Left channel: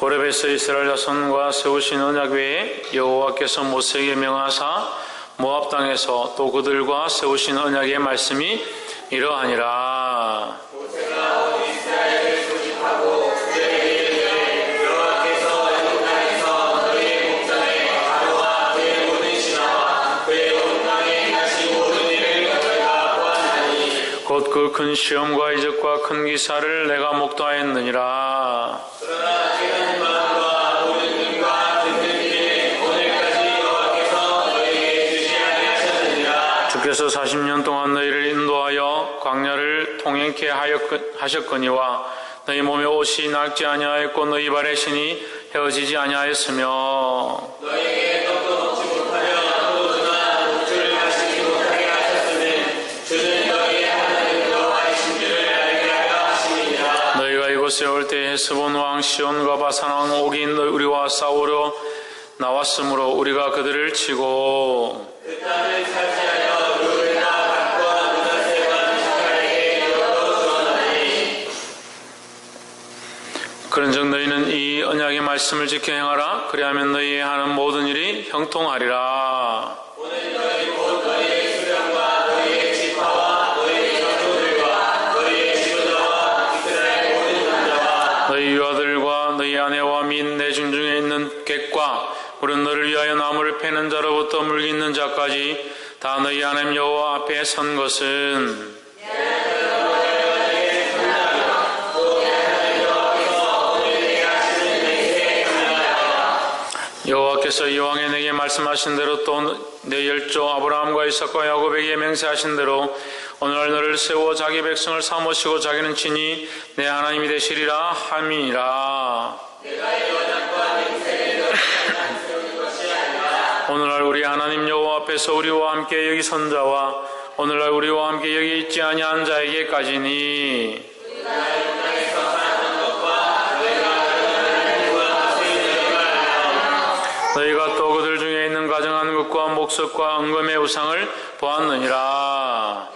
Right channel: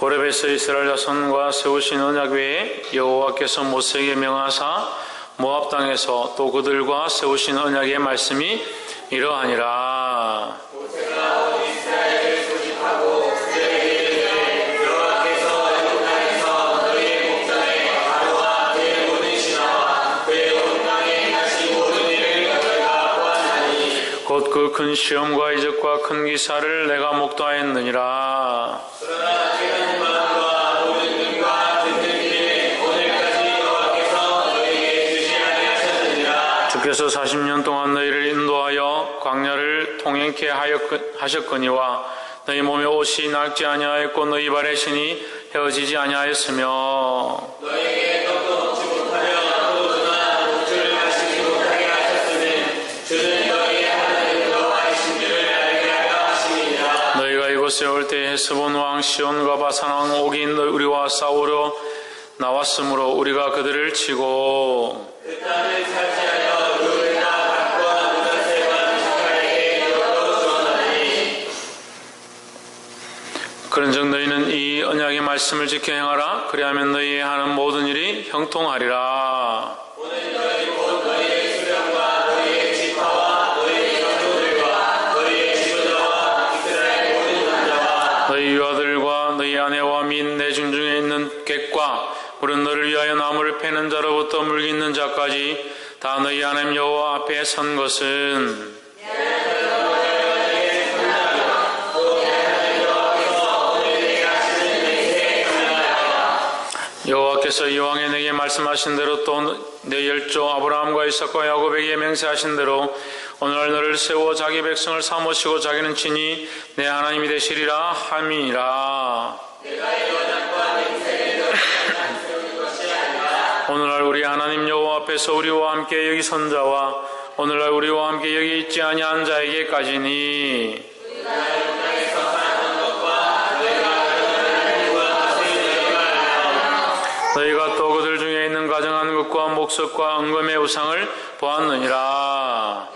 호렙에서 이스라엘 자손과 세우신 언약 외에 여호와께서 모세에게 명하사 모압 땅에서 또 그들과 세우신 언약의 말씀이 이러하니라. 그 큰 시험과 이적과 큰 기사를 내가 목도하였느니라. 주께서 40년 동안 너희를 인도하여 광야를 통행케 하셨거니와 너희 몸에 옷이 낡지 아니하였고 너희 발의 신이 헤어지지 아니하였으며 너희가 이 올때 헤스본 왕 시온과 바산 왕 옥이 너희- 우리와 싸우러 나왔으므로 우리가 그들을 치고 그런즉 너희는 이 언약의 말씀을 지켜 행하라. 그리하면 너희의 하는 모든 일이 형통하리라 너를 위하여 나무를 패는 자로부터 물기 있는 자까지 다 너희 하나님 여호와 앞에 선 것은. 여호와께서 이왕에 내게 말씀하신 대로 또 내 열조 아브라함과 이삭과 야곱에게 맹세하신 대로 오늘날 너를 세워 자기 백성을 삼으시고 자기는 친히 내 하나님이 되시리라 함이니라 우리 하나님 여호와 앞에서 우리와 함께 여기 선 자와 오늘날 우리와 함께 여기 있지 아니한 자에게까지니 너희가 또 그들 중에 있는 가정한 것과 목석과 은금의 우상을 보았느니라.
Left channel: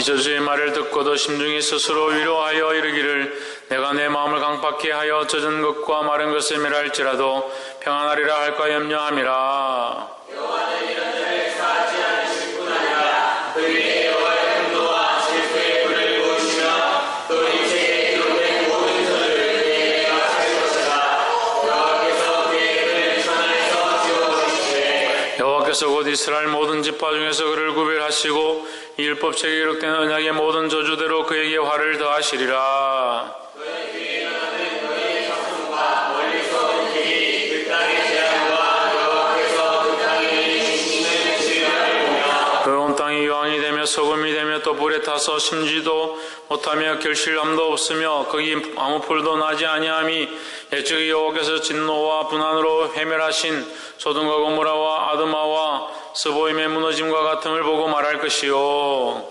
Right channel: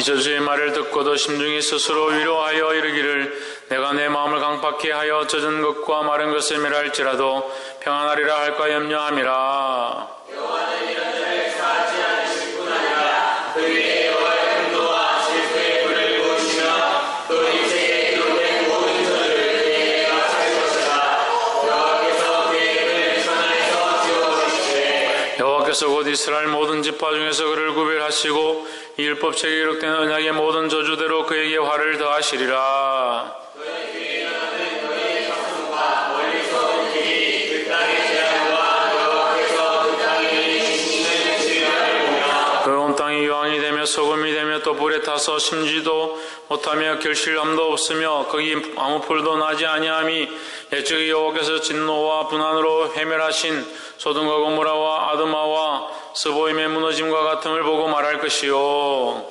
이 저주의 말을 듣고도 심중히 스스로 위로하여 이르기를 내가 내 마음을 강팍케 하여 젖은 것과 마른 것을 멸할지라도 평안하리라 할까 염려함이라. 여호와께서 곧 이스라엘 모든 지파 중에서 그를 구별하시고 이 율법책에 기록된 언약의 모든 저주대로 그에게 화를 더하시리라. 그 온 땅이 유황이 되며 소금이 되며 또 불에 타서 심지도 못하며 결실함도 없으며 거기 아무 풀도 나지 아니함이 예측 여호와께서 진노와 분한으로 회멸하신 소돔과 고모라와 아드마와 스보임의 무너짐과 같음을 보고 말할 것이요.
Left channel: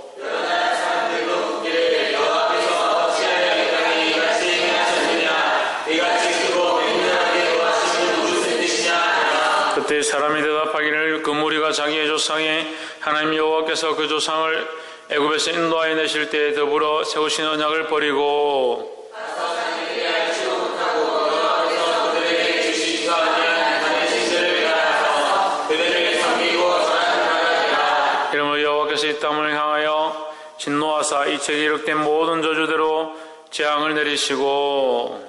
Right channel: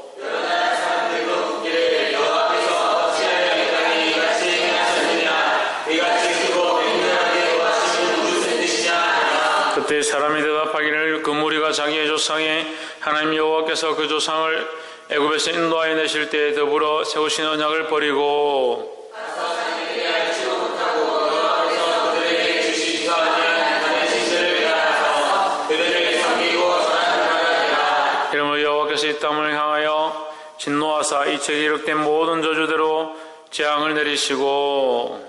그때 사람이 대답하기를 그 무리가 자기의 조상의 하나님 여호와께서 그 조상을 애굽에서 인도하여 내실 때에 더불어 세우신 언약을 버리고 이러므로 여호와께서 이 땅을 향하여 진노하사 이 책에 기록된 모든 저주대로 재앙을 내리시고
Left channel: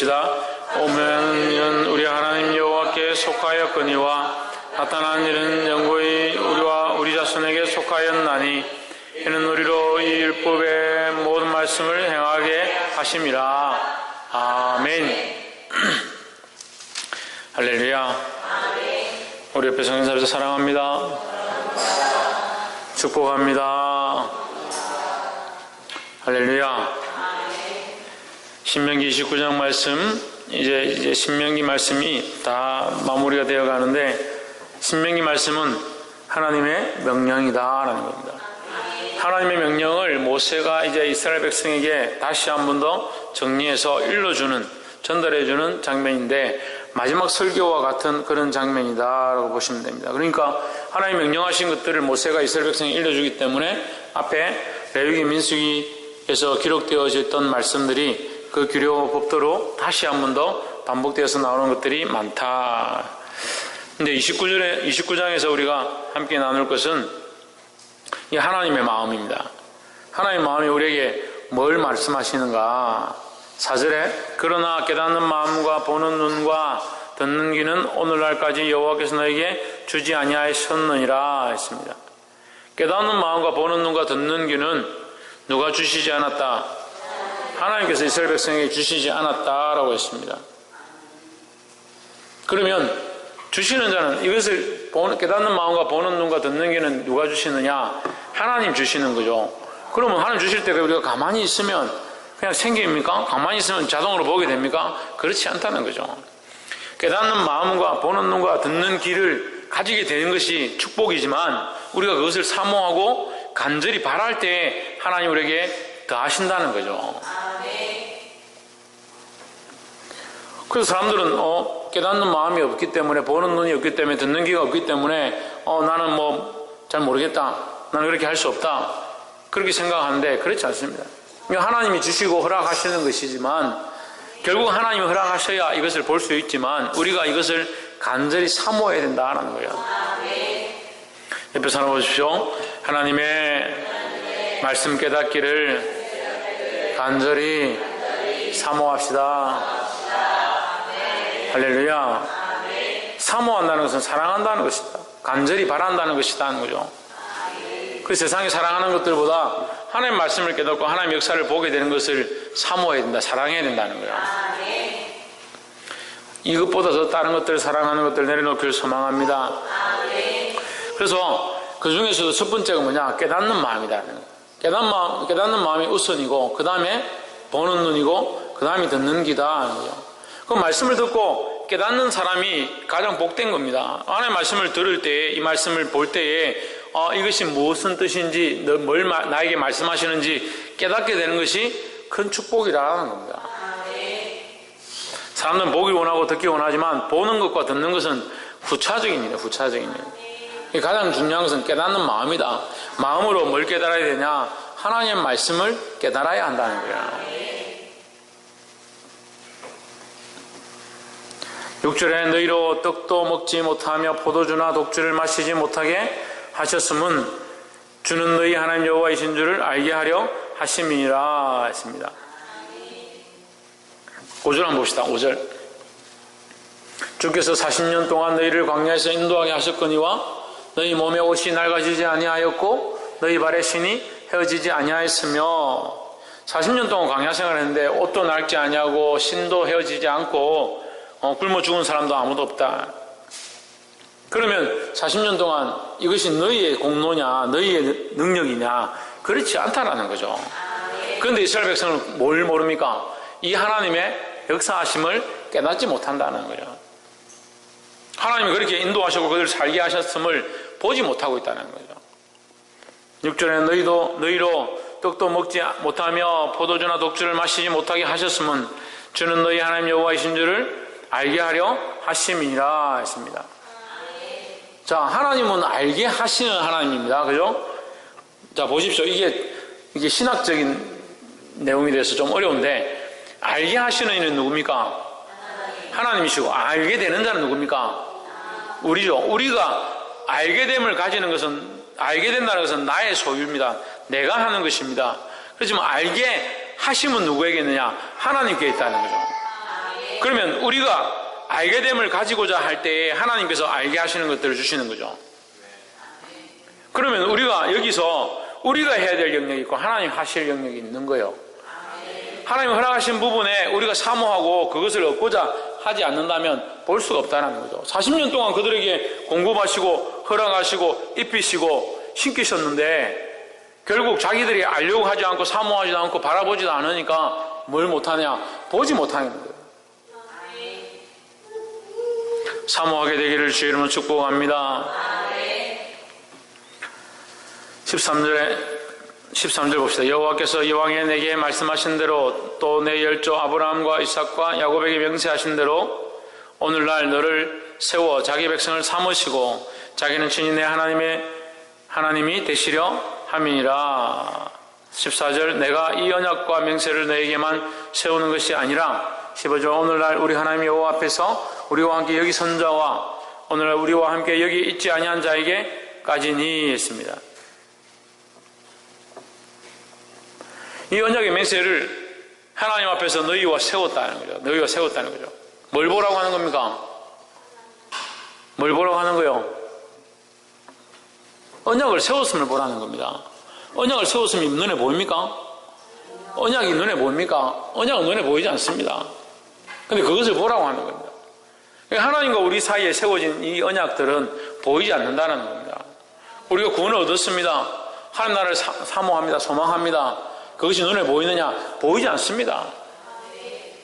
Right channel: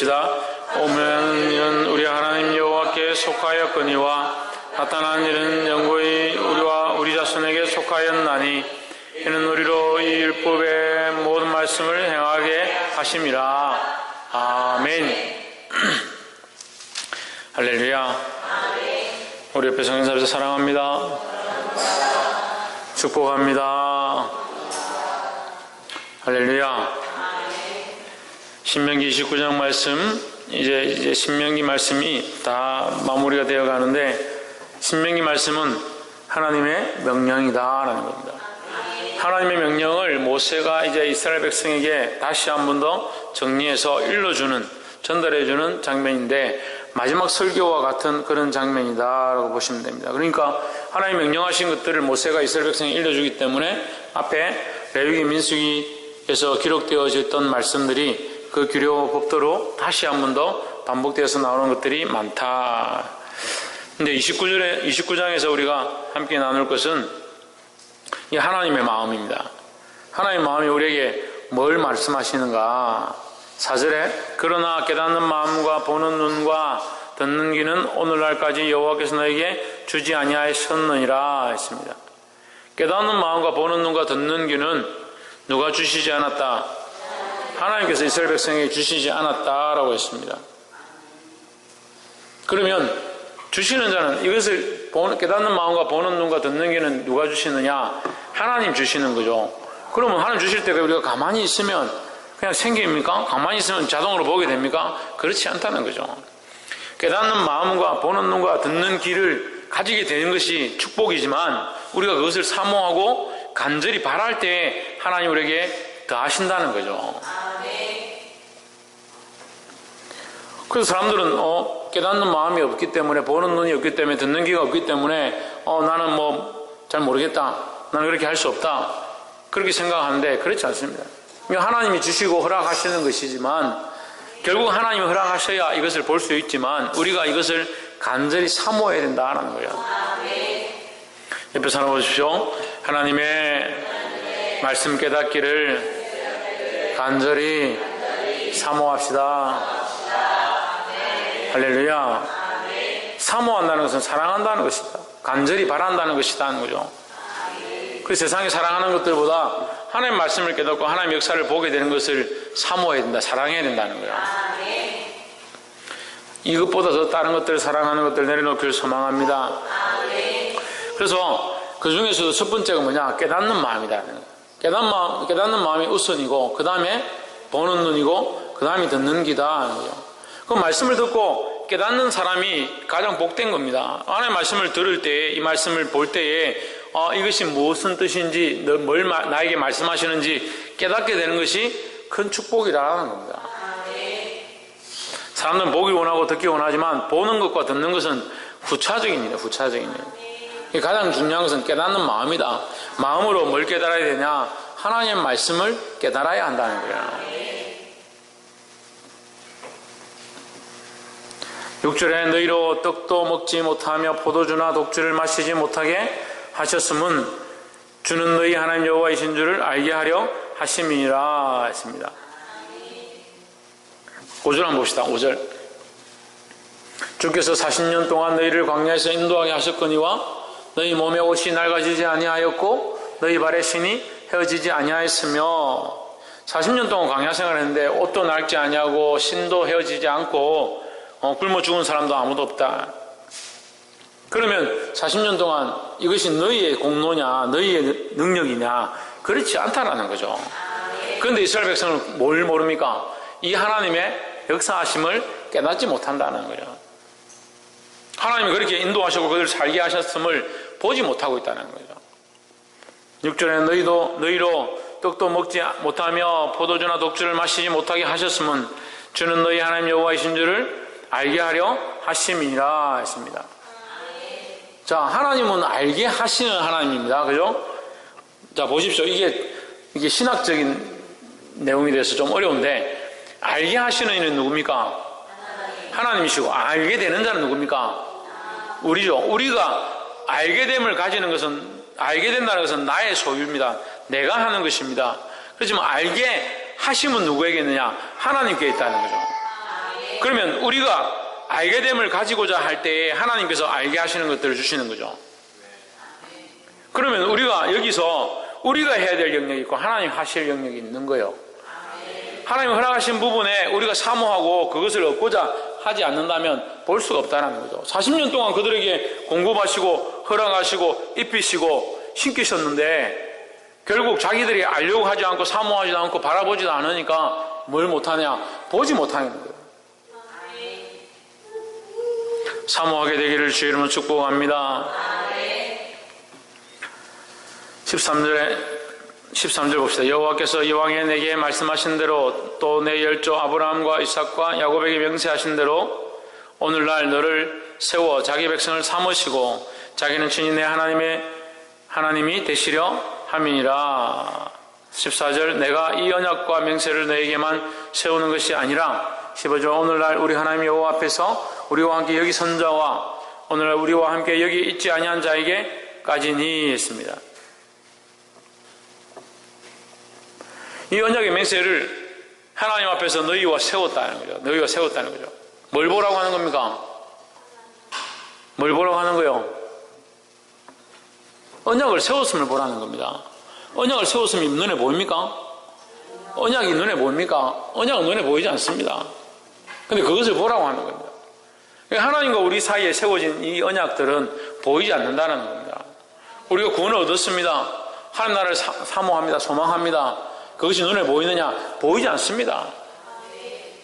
읽읍시다. 오면은 우리 하나님 여호와께 속하였거니와 나타난 일은 영구히 우리와 우리 자손에게 속하였나니 이는 우리로 이 율법의 모든 말씀을 행하게 하심이라. 아멘. 할렐루야. 우리 옆에 성인사를 사랑합니다. 축복합니다. 할렐루야. 신명기 29장 말씀 이제 이제 신명기 말씀이 다 마무리가 되어 가는데 신명기 말씀은 하나님의 명령이다라는 겁니다. 하나님의 명령을 모세가 이제 이스라엘 백성에게 다시 한 번 더 정리해서 일러주는 전달해주는 장면인데 마지막 설교와 같은 그런 장면이다라고 보시면 됩니다. 그러니까 하나님 명령하신 것들을 모세가 이스라엘 백성에 일러주기 때문에 앞에 레위기 민수기에서 기록되어져 있던 말씀들이 그 규례와 법도로 다시 한 번 더 반복되어서 나오는 것들이 많다. 근데 29절에 29장에서 우리가 함께 나눌 것은 이 하나님의 마음입니다. 하나님의 마음이 우리에게 뭘 말씀하시는가? 4절에 그러나 깨닫는 마음과 보는 눈과 듣는 귀는 오늘날까지 여호와께서 너에게 주지 아니하셨느니라 했습니다. 깨닫는 마음과 보는 눈과 듣는 귀는 누가 주시지 않았다? 하나님께서 이스라엘 백성에게 주시지 않았다라고 했습니다. 그러면 주시는 자는 이것을 깨닫는 마음과 보는 눈과 듣는 귀는 누가 주시느냐? 하나님 주시는 거죠. 그러면 하나님 주실 때 우리가 가만히 있으면 그냥 생깁니까? 가만히 있으면 자동으로 보게 됩니까? 그렇지 않다는 거죠. 깨닫는 마음과 보는 눈과 듣는 귀를 가지게 되는 것이 축복이지만 우리가 그것을 사모하고 간절히 바랄 때 하나님 우리에게 더 하신다는 거죠. 그래서 사람들은 어, 깨닫는 마음이 없기 때문에 보는 눈이 없기 때문에 듣는 귀가 없기 때문에 어, 나는 뭐 잘 모르겠다. 나는 그렇게 할 수 없다. 그렇게 생각하는데 그렇지 않습니다. 하나님이 주시고 허락하시는 것이지만 결국 하나님이 허락하셔야 이것을 볼 수 있지만 우리가 이것을 간절히 사모해야 된다는 거예요. 옆에 사람 보십시오. 하나님의 말씀 깨닫기를 간절히 사모합시다. 할렐루야. 사모한다는 것은 사랑한다는 것이다. 간절히 바란다는 것이다 하는 거죠. 그 세상에 사랑하는 것들보다 하나님 말씀을 깨닫고 하나님 역사를 보게 되는 것을 사모해야 된다. 사랑해야 된다는 거예요. 이것보다 더 다른 것들을 사랑하는 것들 내려놓기를 소망합니다. 그래서 그 중에서도 첫 번째가 뭐냐? 깨닫는 마음이다. 깨닫는 마음, 깨닫는 마음이 우선이고, 그 다음에 보는 눈이고, 그 다음에 듣는 귀다. 하는 거죠. 그 말씀을 듣고 깨닫는 사람이 가장 복된 겁니다. 하나님 말씀을 들을 때, 이 말씀을 볼 때에, 어, 이것이 무슨 뜻인지, 뭘 나에게 말씀하시는지 깨닫게 되는 것이 큰 축복이라는 겁니다. 사람들은 보기 원하고 듣기 원하지만 보는 것과 듣는 것은 후차적입니다. 후차적인 일. 가장 중요한 것은 깨닫는 마음이다. 마음으로 뭘 깨달아야 되냐? 하나님의 말씀을 깨달아야 한다는 거야. 6절에 너희로 떡도 먹지 못하며 포도주나 독주를 마시지 못하게 하셨음은 주는 너희 하나님 여호와이신 줄을 알게 하려 하심이니라 했습니다. 5절 한번 봅시다. 5절. 주께서 40년 동안 너희를 광야에서 인도하게 하셨거니와 너희 몸의 옷이 낡아지지 아니하였고 너희 발의 신이 헤어지지 아니하였으며 40년 동안 광야 생활을 했는데 옷도 낡지 아니하고 신도 헤어지지 않고 어, 굶어 죽은 사람도 아무도 없다. 그러면 40년 동안 이것이 너희의 공로냐 너희의 능력이냐 그렇지 않다라는 거죠. 그런데 이스라엘 백성은 뭘 모릅니까? 이 하나님의 역사하심을 깨닫지 못한다는 거예요. 하나님이 그렇게 인도하시고 그들을 살게 하셨음을 보지 못하고 있다는 거죠. 6절에 너희도 너희로 떡도 먹지 못하며 포도주나 독주를 마시지 못하게 하셨음은 주는 너희 하나님 여호와이신 줄을 알게 하려 하심이니라 했습니다. 자, 하나님은 알게 하시는 하나님입니다. 그죠? 자, 보십시오. 이게 이게 신학적인 내용이 돼서 좀 어려운데 알게 하시는 이는 누굽니까? 하나님이시고 알게 되는 자는 누굽니까? 우리죠. 우리가 알게 됨을 가지는 것은 알게 된다는 것은 나의 소유입니다. 내가 하는 것입니다. 그렇지만 알게 하심은 누구에게 있느냐? 하나님께 있다는 거죠. 그러면 우리가 알게 됨을 가지고자 할 때에 하나님께서 알게 하시는 것들을 주시는 거죠. 그러면 우리가 여기서 우리가 해야 될 영역이 있고 하나님 하실 영역이 있는 거예요. 하나님 허락하신 부분에 우리가 사모하고 그것을 얻고자 하지 않는다면 볼 수가 없다는 거죠. 40년 동안 그들에게 공급하시고 허락하시고 입히시고 신기셨는데 결국 자기들이 알려고 하지 않고 사모하지도 않고 바라보지도 않으니까 뭘 못하냐? 보지 못하는 거예요. 사모하게 되기를 주의 이름으로 축복합니다. 13절에 13절 봅시다. 여호와께서 여왕에 내게 말씀하신 대로 또 내 열조 아브라함과 이삭과 야곱에게 명세하신 대로 오늘날 너를 세워 자기 백성을 삼으시고 자기는 친히 내 하나님의 하나님이 되시려 함이니라. 14절 내가 이 언약과 명세를 너에게만 세우는 것이 아니라 15절 오늘날 우리 하나님 여호와 앞에서 우리와 함께 여기 선 자와 오늘날 우리와 함께 여기 있지 아니한 자에게까지니 했습니다. 이 언약의 맹세를 하나님 앞에서 너희와 세웠다는 거죠. 너희와 세웠다는 거죠. 뭘 보라고 하는 겁니까? 뭘 보라고 하는 거요? 언약을 세웠음을 보라는 겁니다. 언약을 세웠음이 눈에 보입니까? 언약이 눈에 보입니까? 언약은 눈에 보이지 않습니다. 근데 그것을 보라고 하는 겁니다. 하나님과 우리 사이에 세워진 이 언약들은 보이지 않는다는 겁니다. 우리가 구원을 얻었습니다. 하나님 나라를 사, 사모합니다. 소망합니다. 그것이 눈에 보이느냐? 보이지 않습니다.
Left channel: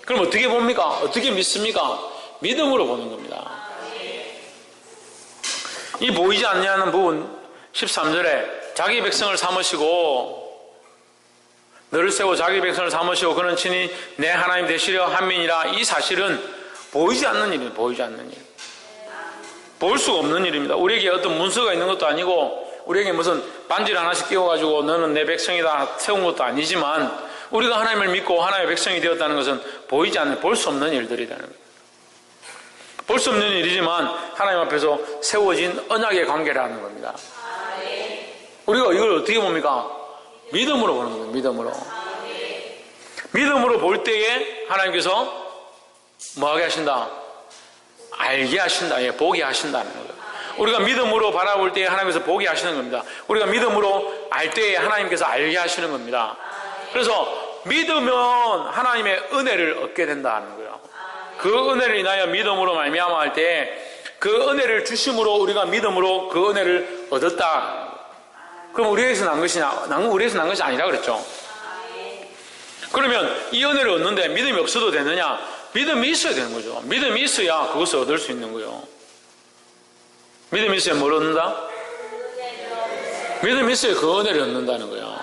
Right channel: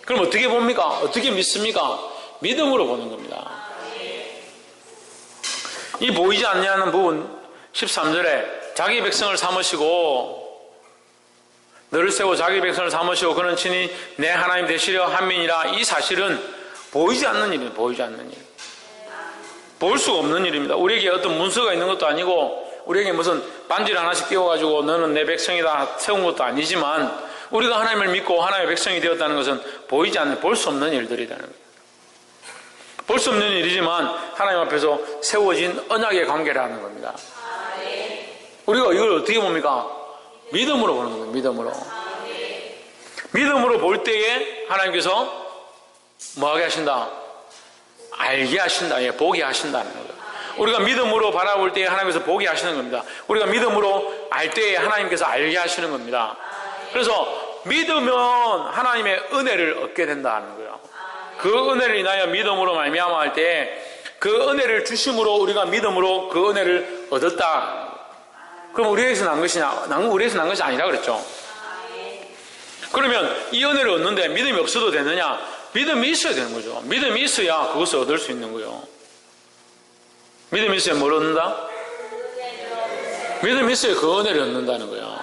그럼 어떻게 봅니까? 어떻게 믿습니까? 믿음으로 보는 겁니다. 이 보이지 않냐는 부분 13절에 자기 백성을 삼으시고 너를 세워 자기 백성을 삼으시고 그는 친히 내 하나님 되시려 함민이라 이 사실은 보이지 않는 일입니다. 보이지 않는 일. 볼 수가 없는 일입니다. 우리에게 어떤 문서가 있는 것도 아니고 우리에게 무슨 반지를 하나씩 끼워가지고 너는 내 백성이다 세운 것도 아니지만 우리가 하나님을 믿고 하나님의 백성이 되었다는 것은 보이지 않는 볼 수 없는 일들이라는 거예요. 볼 수 없는 일이지만 하나님 앞에서 세워진 언약의 관계라는 겁니다. 우리가 이걸 어떻게 봅니까? 믿음으로 보는 겁니다. 믿음으로. 믿음으로 볼 때에 하나님께서 뭐하게 하신다? 알게 하신다. 예, 보게 하신다는 거예요. 우리가 믿음으로 바라볼 때에 하나님께서 보게 하시는 겁니다. 우리가 믿음으로 알 때에 하나님께서 알게 하시는 겁니다. 그래서 믿으면 하나님의 은혜를 얻게 된다는 거예요. 그 은혜를 인하여 믿음으로 말미암아 할때그 은혜를 주심으로 우리가 믿음으로 그 은혜를 얻었다. 그럼 우리에게서 난 것이냐? 난 우리에서 난 것이 아니라 그랬죠. 그러면 이 은혜를 얻는데 믿음이 없어도 되느냐? 믿음이 있어야 되는 거죠. 믿음이 있어야 그것을 얻을 수 있는 거예요. 믿음이 있어야 뭘 얻는다? 믿음이 있어야 그 은혜를 얻는다는 거예요.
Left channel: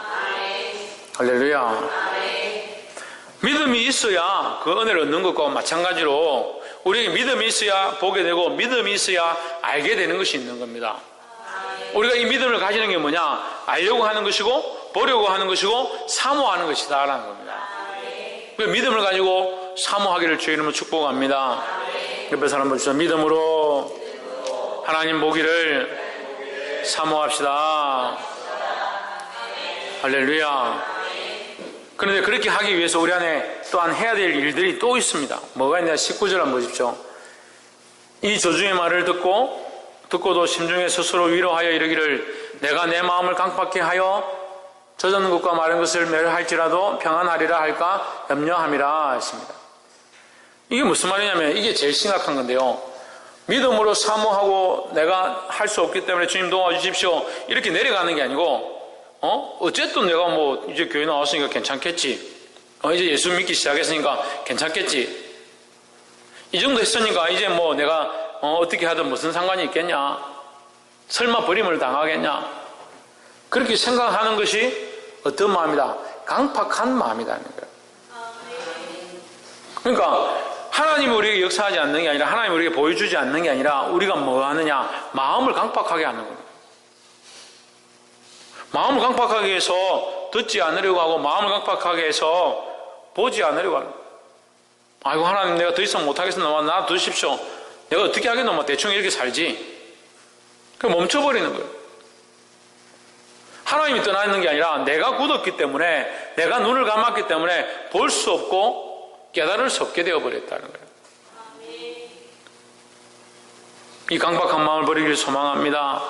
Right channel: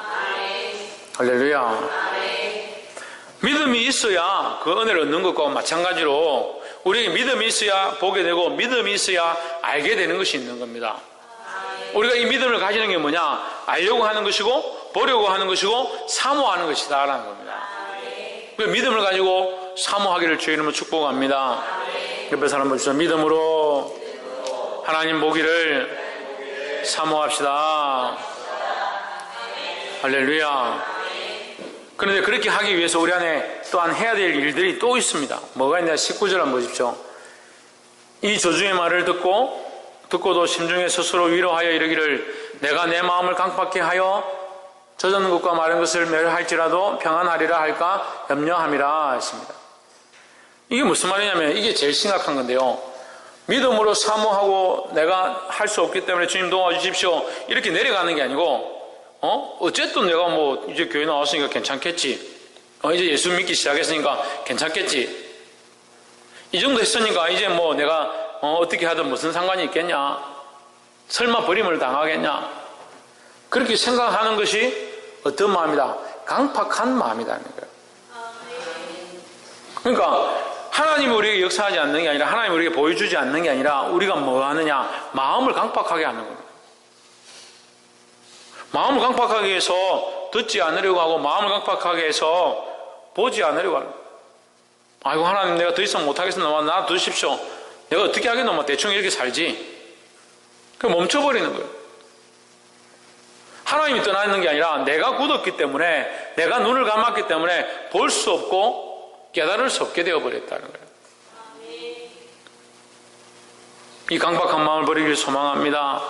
할렐루야. 믿음이 있어야 그 은혜를 얻는 것과 마찬가지로 우리에게 믿음이 있어야 보게 되고 믿음이 있어야 알게 되는 것이 있는 겁니다. 우리가 이 믿음을 가지는 게 뭐냐? 알려고 하는 것이고 보려고 하는 것이고 사모하는 것이다라는 겁니다. 그 믿음을 가지고 사모하기를 주의 이름으로 축복합니다. 옆에 사람 보시죠. 믿음으로 하나님 보기를 사모합시다. 할렐루야. 그런데 그렇게 하기 위해서 우리 안에 또한 해야 될 일들이 또 있습니다. 뭐가 있냐? 19절 한번 보십시오. 이 저주의 말을 듣고 듣고도 심중에 스스로 위로하여 이르기를 내가 내 마음을 강팍케 하여 젖은 것과 마른 것을 멸할지라도 평안하리라 할까 염려함이라 했습니다. 이게 무슨 말이냐면 이게 제일 심각한 건데요. 믿음으로 사모하고 내가 할 수 없기 때문에 주님 도와주십시오. 이렇게 내려가는 게 아니고 어? 어쨌든 내가 뭐 이제 교회 나왔으니까 괜찮겠지. 어, 이제 예수 믿기 시작했으니까 괜찮겠지. 이 정도 했으니까 이제 뭐 내가 어, 떻게 하든 무슨 상관이 있겠냐. 설마 버림을 당하겠냐. 그렇게 생각하는 것이 어떤 마음이다? 강팍한 거예요. 그러니까 하나님이 우리에게 역사하지 않는 게 아니라 하나님이 우리에게 보여주지 않는 게 아니라 우리가 뭐 하느냐? 마음을 강팍하게 하는 겁니다. 마음을 강팍하게 해서 듣지 않으려고 하고 마음을 강팍하게 해서 보지 않으려고 하는 아이고 하나님 내가 더 이상 못하겠습니다. 나 두십시오. 내가 어떻게 하겠노? 뭐 대충 이렇게 살지. 그 멈춰버리는 거예요. 하나님이 떠나 있는 게 아니라 내가 굳었기 때문에 내가 눈을 감았기 때문에 볼 수 없고 깨달을 수 없게 되어버렸다는 거예요. 이 강박한 마음을 버리기를 소망합니다.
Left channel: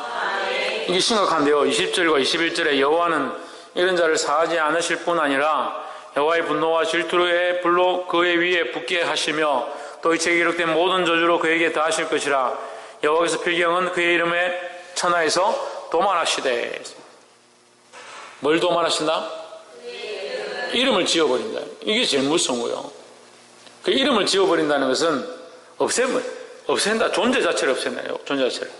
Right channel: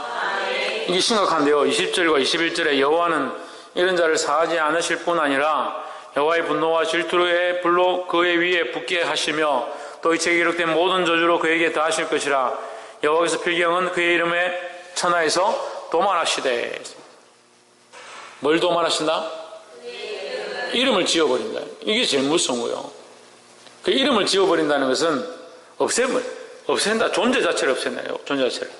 이게 심각한데요. 20절과 21절에 여호와는 이런 자를 사하지 않으실 뿐 아니라 여호와의 분노와 질투의 불로 그의 위에 붙게 하시며 또 이 책에 기록된 모든 저주로 그에게 다하실 것이라 여호와께서 필경은 그의 이름에 천하에서 도만하시되 뭘 도만하신다? 이름을 지어버린다. 이게 제일 무서운 거예요. 그 이름을 지어버린다는 것은 없애버, 없앤다. 존재 자체를 없앤다요. 존재 자체를.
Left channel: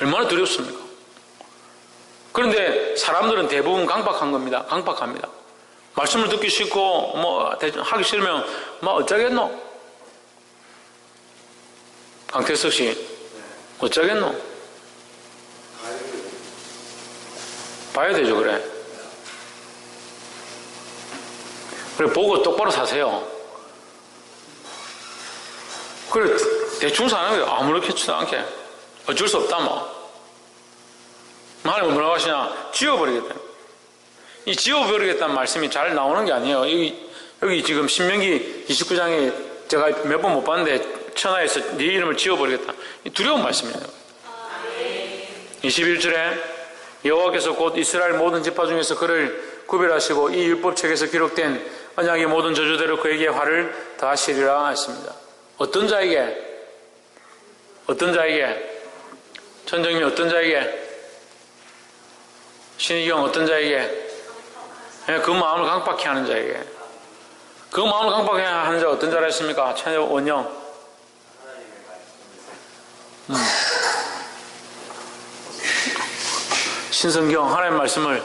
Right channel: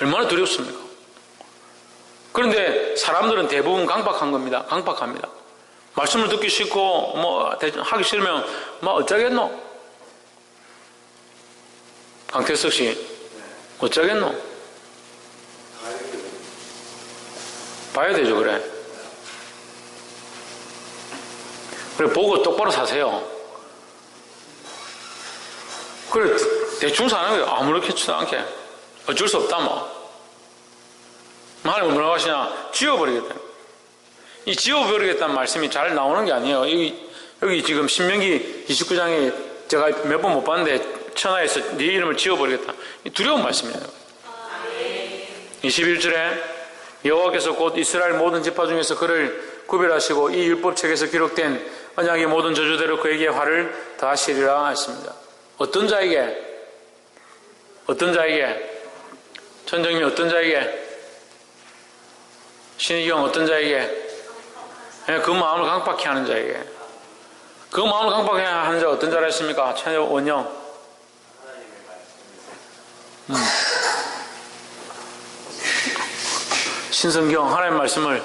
얼마나 두렵습니까? 그런데 사람들은 대부분 강박한 겁니다. 강박합니다. 말씀을 듣기 싫고 뭐 하기 싫으면 뭐 어쩌겠노? 강태석 씨 어쩌겠노? 봐야 되죠 그래. 그래 보고 똑바로 사세요. 그래 대충 사는 거예요. 아무렇지도 않게 어쩔 수 없다 뭐. 하나님은 뭐라고 하시냐? 지워버리겠다. 이 지워버리겠다는 말씀이 잘 나오는 게 아니에요. 여기, 여기 지금 신명기 29장에 제가 몇 번 못 봤는데 천하에서 네 이름을 지워버리겠다. 이 두려운 말씀이에요. 21절에 여호와께서 곧 이스라엘 모든 지파 중에서 그를 구별하시고 이 율법책에서 기록된 언약의 모든 저주대로 그에게 화를 더하시리라 했습니다. 어떤 자에게? 어떤 자에게? 천정이 어떤 자에게? 신의경 어떤 자에게? 예, 그 마음을 강박해 하는 자에게. 그 마음을 강박해 하는 자 어떤 자라 했습니까? 천여 원영. 음. 신성경 하나님 말씀을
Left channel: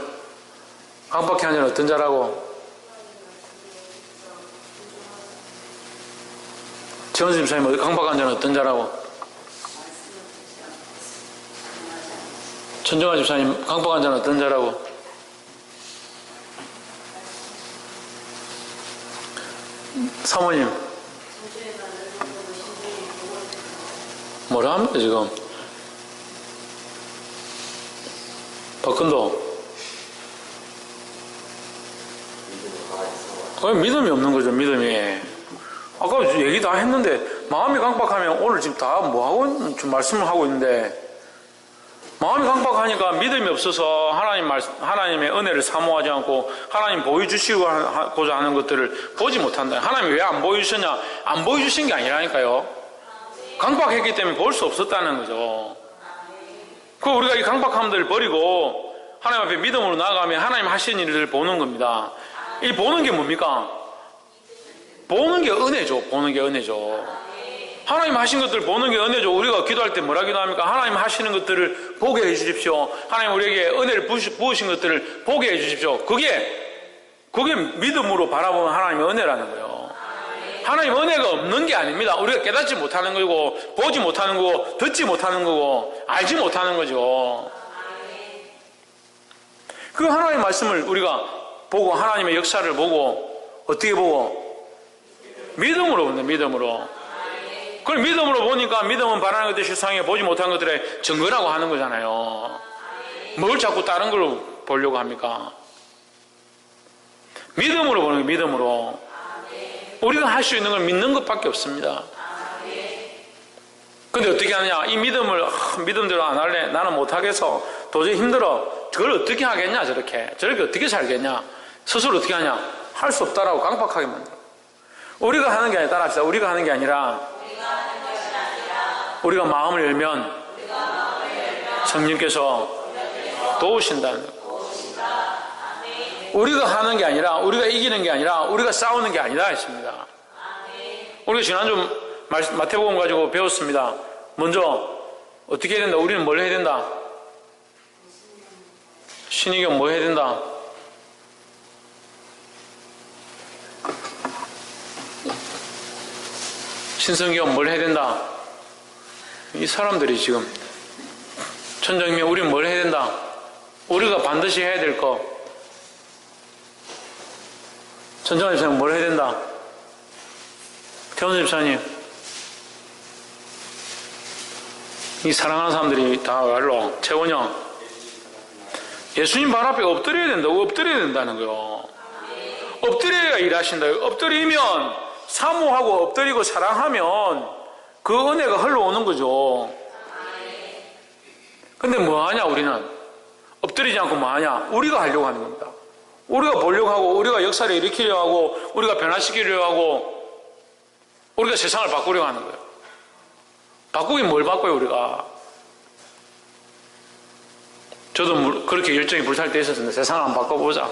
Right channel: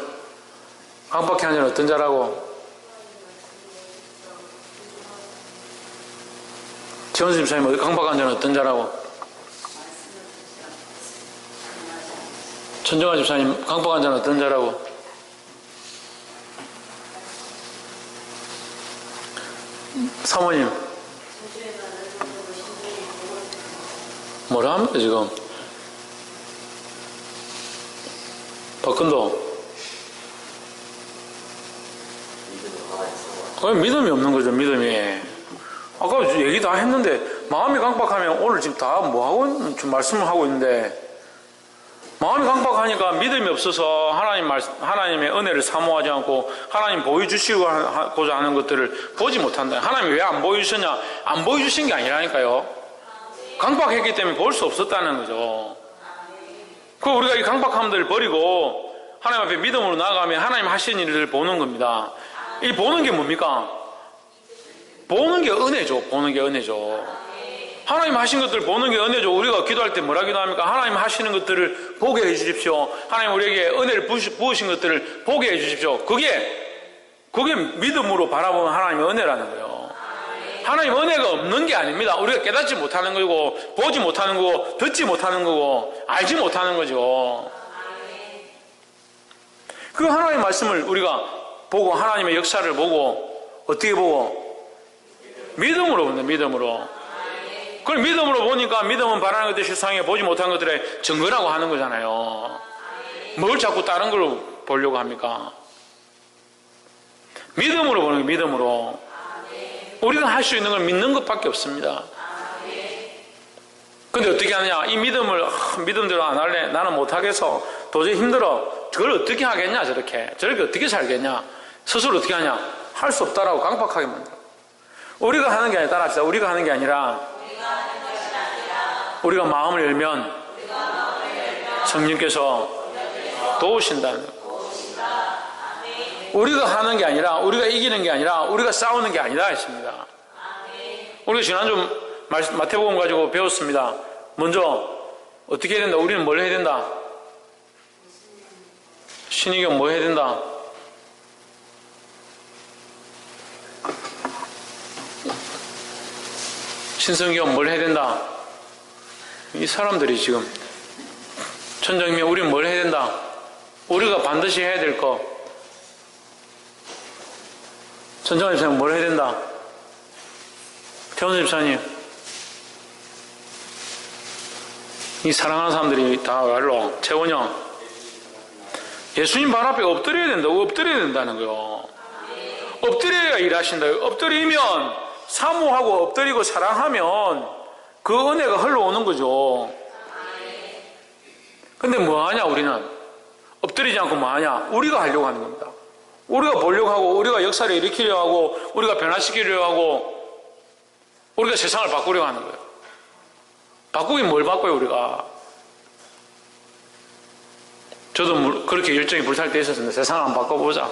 강박해 하는 자는 어떤 자라고? 최원수 집사님 강박한 자는 어떤 자라고? 천정아 집사님 강박한 자는 어떤 자라고? 사모님 뭐라 합니까 지금? 박근도 그냥 믿음이 없는 거죠 믿음이 아까 얘기 다 했는데 마음이 강박하면 오늘 지금 다 뭐하고 지금 말씀을 하고 있는데 마음이 강박하니까 믿음이 없어서 하나님 말, 하나님의 은혜를 사모하지 않고 하나님 보여주시고자 하는 것들을 보지 못한다. 하나님이 왜안 보여주셨냐? 안 보여주신 게 아니라니까요. 강박했기 때문에 볼 수 없었다는 거죠. 그 우리가 이 강박함들을 버리고 하나님 앞에 믿음으로 나아가면 하나님 하신 일을 보는 겁니다. 이 보는 게 뭡니까? 보는 게 은혜죠. 보는 게 은혜죠. 하나님 하신 것들을 보는 게 은혜죠. 우리가 기도할 때 뭐라 기도합니까? 하나님 하시는 것들을 보게 해 주십시오. 하나님 우리에게 은혜를 부으신 것들을 보게 해 주십시오. 그게, 그게 믿음으로 바라보는 하나님의 은혜라는 거예요. 하나님 은혜가 없는 게 아닙니다. 우리가 깨닫지 못하는 거고, 보지 못하는 거고, 듣지 못하는 거고, 알지 못하는 거죠. 그 하나님의 말씀을 우리가 보고, 하나님의 역사를 보고, 어떻게 보고? 믿음으로 본다, 믿음으로. 그걸 믿음으로 보니까 믿음은 바라는 것들 실상에 보지 못한 것들의 증거라고 하는 거잖아요. 뭘 자꾸 다른 걸로 보려고 합니까? 믿음으로 보는 게 믿음으로. 우리가 할 수 있는 걸 믿는 것밖에 없습니다. 근데 어떻게 하느냐? 이 믿음을, 아, 믿음대로 안 할래? 나는 못하겠어. 도저히 힘들어. 저걸 어떻게 하겠냐? 저렇게. 저렇게 어떻게 살겠냐? 스스로 어떻게 하냐? 할 수 없다라고 강박하게 만들어. 우리가 하는 게 아니라, 따라합시다. 우리가 하는 게 아니라, 우리가 마음을 열면 성령께서 도우신다는 우리가 하는 게 아니라 우리가 이기는 게 아니라 우리가 싸우는 게 아니다 했습니다. 우리가 지난주 마태복음 가지고 배웠습니다. 먼저 어떻게 해야 된다? 우리는 뭘 해야 된다? 신의경 뭐 해야 된다? 신성경 뭘 해야 된다? 이 사람들이 지금 천정이면 우리는 뭘 해야 된다? 우리가 반드시 해야 될 거. 천정아 집사님 뭘 해야 된다? 태원 집사님. 이 사랑하는 사람들이 다 말로 최원영. 예수님 발 앞에 엎드려야 된다. 엎드려야 된다는 거요. 엎드려야 일하신다. 엎드리면 사모하고 엎드리고 사랑하면 그 은혜가 흘러오는 거죠. 근데 뭐 하냐, 우리는? 엎드리지 않고 뭐 하냐? 우리가 하려고 하는 겁니다. 우리가 보려고 하고, 우리가 역사를 일으키려고 하고, 우리가 변화시키려고 하고, 우리가 세상을 바꾸려고 하는 거예요. 바꾸긴 뭘 바꿔요, 우리가? 저도 그렇게 열정이 불탈 때 있었는데 세상을 한번 바꿔보자.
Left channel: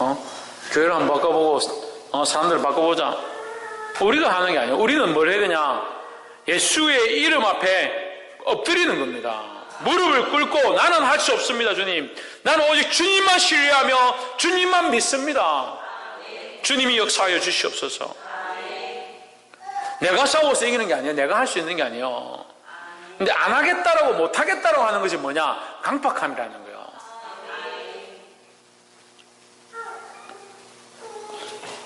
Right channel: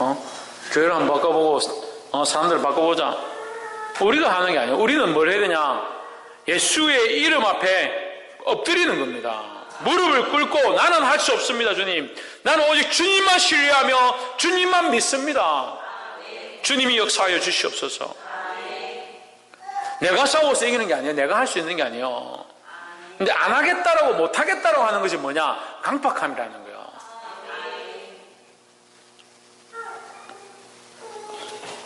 어? 교회를 한번 바꿔보고, 어, 사람들을 바꿔보자. 우리가 하는 게 아니에요. 우리는 뭘 해야 되냐? 예수의 이름 앞에 엎드리는 겁니다. 무릎을 꿇고 나는 할 수 없습니다, 주님. 나는 오직 주님만 신뢰하며 주님만 믿습니다. 주님이 역사하여 주시옵소서. 내가 싸워서 이기는 게 아니에요. 내가 할 수 있는 게 아니에요. 근데 안 하겠다라고 못 하겠다라고 하는 것이 뭐냐? 강팍함이라는 거예요.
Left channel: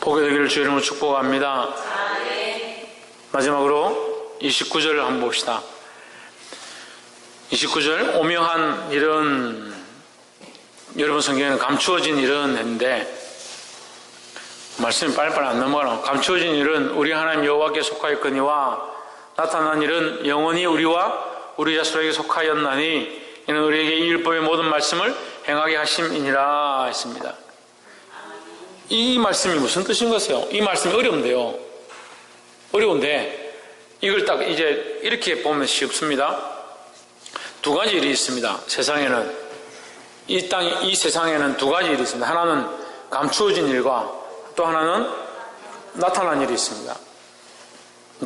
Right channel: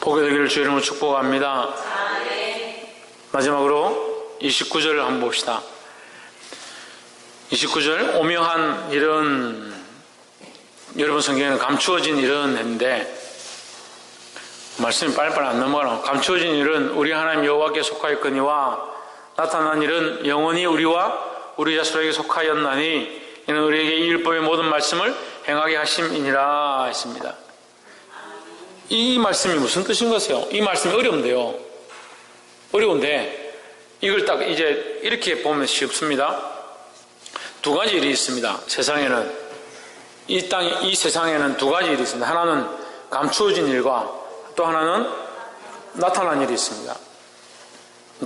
보게 되기를 주 이름으로 축복합니다. 마지막으로 29절을 한번 봅시다. 29절 오묘한 이런 여러분 성경에는 감추어진 일은 했는데 말씀이 빨리빨리 안 넘어가나 감추어진 일은 우리 하나님 여호와께 속하였거니와 나타난 일은 영원히 우리와 우리 자손에게 속하였나니 이는 우리에게 이 율법의 모든 말씀을 행하게 하심이니라 했습니다. 이 말씀이 무슨 뜻인 것이요? 이 말씀이 어려운데요. 어려운데 이걸 딱 이제 이렇게 보면 쉽습니다. 두 가지 일이 있습니다. 세상에는 이 땅, 이 세상에는 두 가지 일이 있습니다. 하나는 감추어진 일과 또 하나는 나타난 일이 있습니다.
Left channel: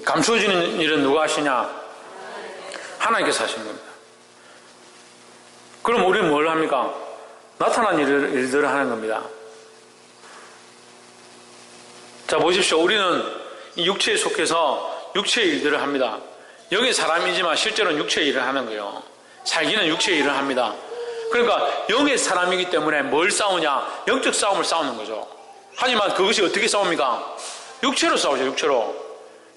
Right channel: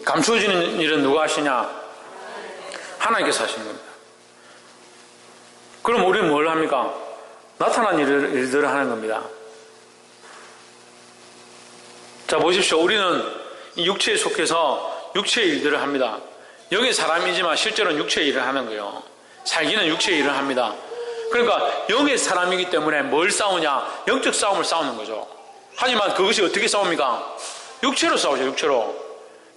감추어지는 일은 누가 하시냐? 하나님께서 하시는 겁니다. 그럼 우리는 뭘 합니까? 나타난 일, 일들을 하는 겁니다. 자, 보십시오. 우리는 이 육체에 속해서 육체의 일들을 합니다. 여기 사람이지만 실제로는 육체의 일을 하는 거예요. 살기는 육체의 일을 합니다. 그러니까 영의 사람이기 때문에 뭘 싸우냐? 영적 싸움을 싸우는 거죠. 하지만 그것이 어떻게 싸웁니까? 육체로 싸우죠, 육체로.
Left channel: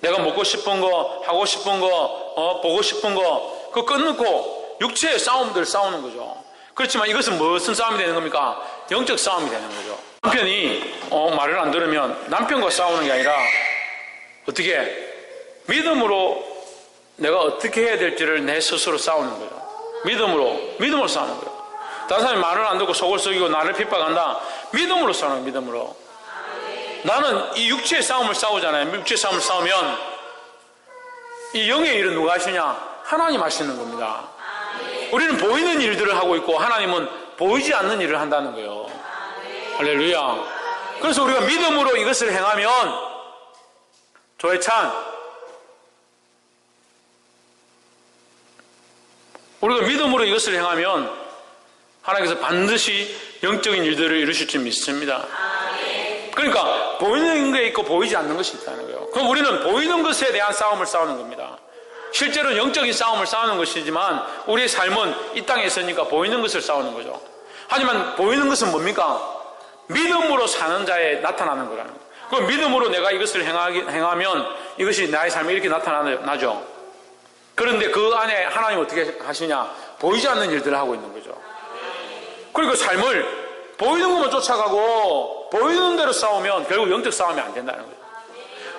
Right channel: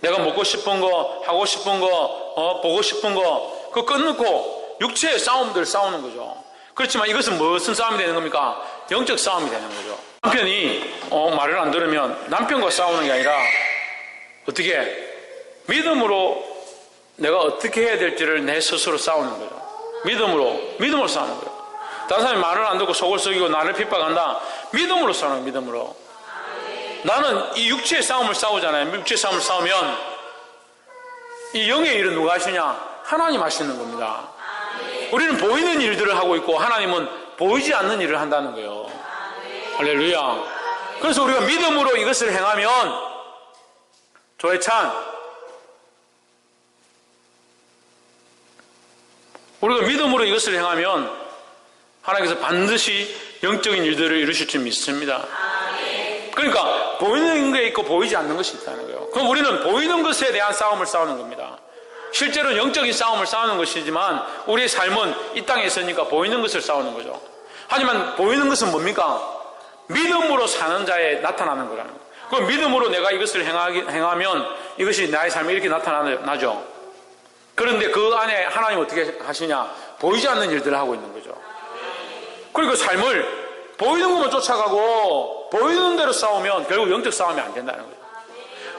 내가 먹고 싶은 거, 하고 싶은 거, 어, 보고 싶은 거, 그거 끊고 육체의 싸움들 싸우는 거죠. 그렇지만 이것은 무슨 싸움이 되는 겁니까? 영적 싸움이 되는 거죠. 남편이 어, 말을 안 들으면 남편과 싸우는 게 아니라 어떻게 믿음으로 내가 어떻게 해야 될지를 내 스스로 싸우는 거죠. 믿음으로 믿음으로 싸우는 거예요. 다른 사람이 말을 안 듣고 속을 썩이고 나를 핍박한다. 믿음으로 싸우는 거예요. 믿음으로. 나는 이 육체의 싸움을 싸우잖아요. 육체의 싸움을 싸우면 이 영의 일은 누가 하시냐? 하나님 하시는 겁니다. 우리는 보이는 일들을 하고 있고 하나님은 보이지 않는 일을 한다는 거예요. 할렐루야. 그래서 우리가 믿음으로 이것을 행하면 조회찬 우리가 믿음으로 이것을 행하면 하나님께서 반드시 영적인 일들을 이루실 줄 믿습니다. 그러니까 보이는 게 있고 보이지 않는 것이 있다는 거예요. 그럼 우리는 보이는 것에 대한 싸움을 싸우는 겁니다. 실제로 영적인 싸움을 싸우는 것이지만 우리의 삶은 이 땅에 있으니까 보이는 것을 싸우는 거죠. 하지만 보이는 것은 뭡니까? 믿음으로 사는 자에 나타나는 거라는 거예요. 그 믿음으로 내가 이것을 행하면 이것이 나의 삶에 이렇게 나타나죠. 그런데 그 안에 하나님 어떻게 하시냐? 보이지 않는 일들을 하고 있는 거죠. 그리고 삶을 보이는 것만 쫓아가고 보이는 대로 싸우면 결국 영적 싸움이 안 된다는 거죠.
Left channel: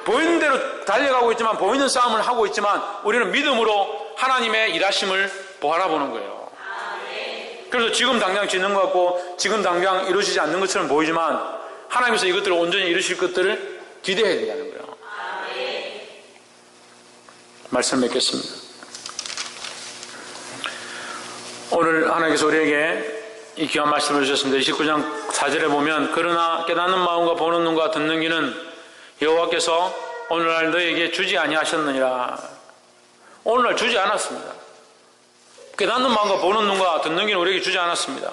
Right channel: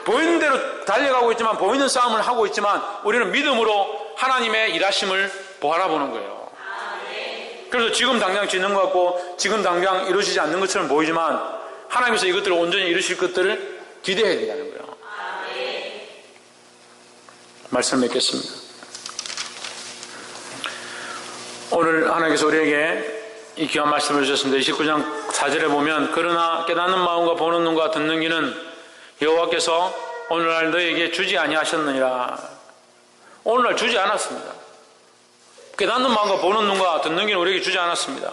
보이는 대로 달려가고 있지만 보이는 싸움을 하고 있지만 우리는 믿음으로 하나님의 일하심을 바라보는 거예요. 그래서 지금 당장 짓는 것 같고 지금 당장 이루어지지 않는 것처럼 보이지만 하나님께서 이것들을 온전히 이루실 것들을 기대해야 된다는 거예요. 말씀 맺겠습니다. 오늘 하나님께서 우리에게 이 귀한 말씀을 주셨습니다. 29장 4절에 보면 그러나 깨닫는 마음과 보는 눈과 듣는 귀는 여호와께서 오늘날 너에게 주지 아니하셨느니라. 오늘날 주지 않았습니다. 깨닫는 마음과 보는 눈과 듣는 귀는 우리에게 주지 않았습니다.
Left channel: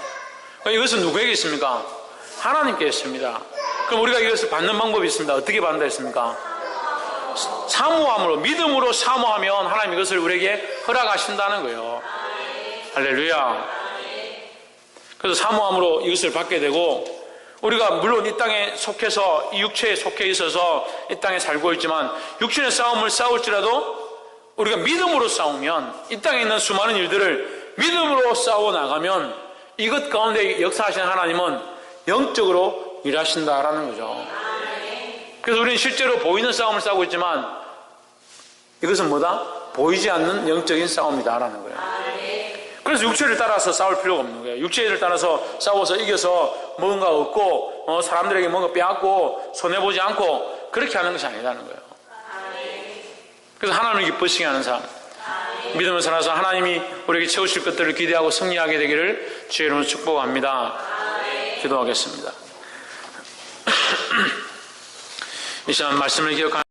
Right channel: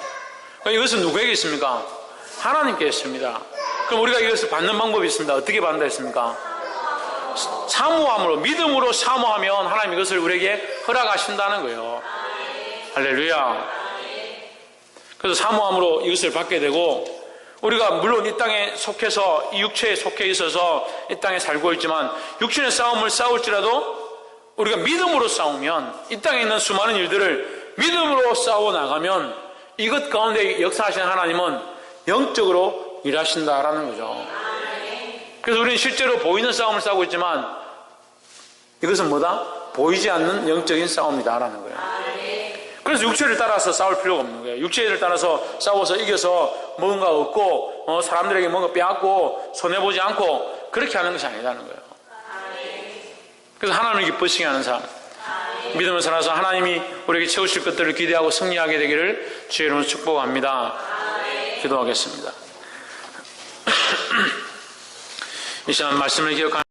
그러니까 이것은 누구에게 있습니까? 하나님께 있습니다. 그럼 우리가 이것을 받는 방법이 있습니다. 어떻게 받는다 했습니까? 사모함으로 믿음으로 사모하면 하나님 이것을 우리에게 허락하신다는 거예요. 할렐루야. 그래서 사모함으로 이것을 받게 되고 우리가 물론 이 땅에 속해서 이 육체에 속해 있어서 이 땅에 살고 있지만 육신의 싸움을 싸울지라도 우리가 믿음으로 싸우면 이 땅에 있는 수많은 일들을 믿음으로 싸워 나가면 이것 가운데 역사하시는 하나님은 영적으로 일하신다라는 거죠. 그래서 우리는 실제로 보이는 싸움을 싸우고 있지만 이것은 뭐다? 보이지 않는 영적인 싸움이다라는 거예요. 그래서 육체를 따라서 싸울 필요가 없는 거예요. 육체를 따라서 싸워서 이겨서 뭔가 얻고 어, 사람들에게 뭔가 빼앗고 손해보지 않고 그렇게 하는 것이 아니라는 거예요. 그래서 하나님을 기쁘시게 하는 삶. 믿음을 살아서 하나님이 우리에게 채우실 것들을 기대하고 승리하게 되기를 주의 이름으로 축복합니다. 기도하겠습니다. 이 시간 말씀을 기억하는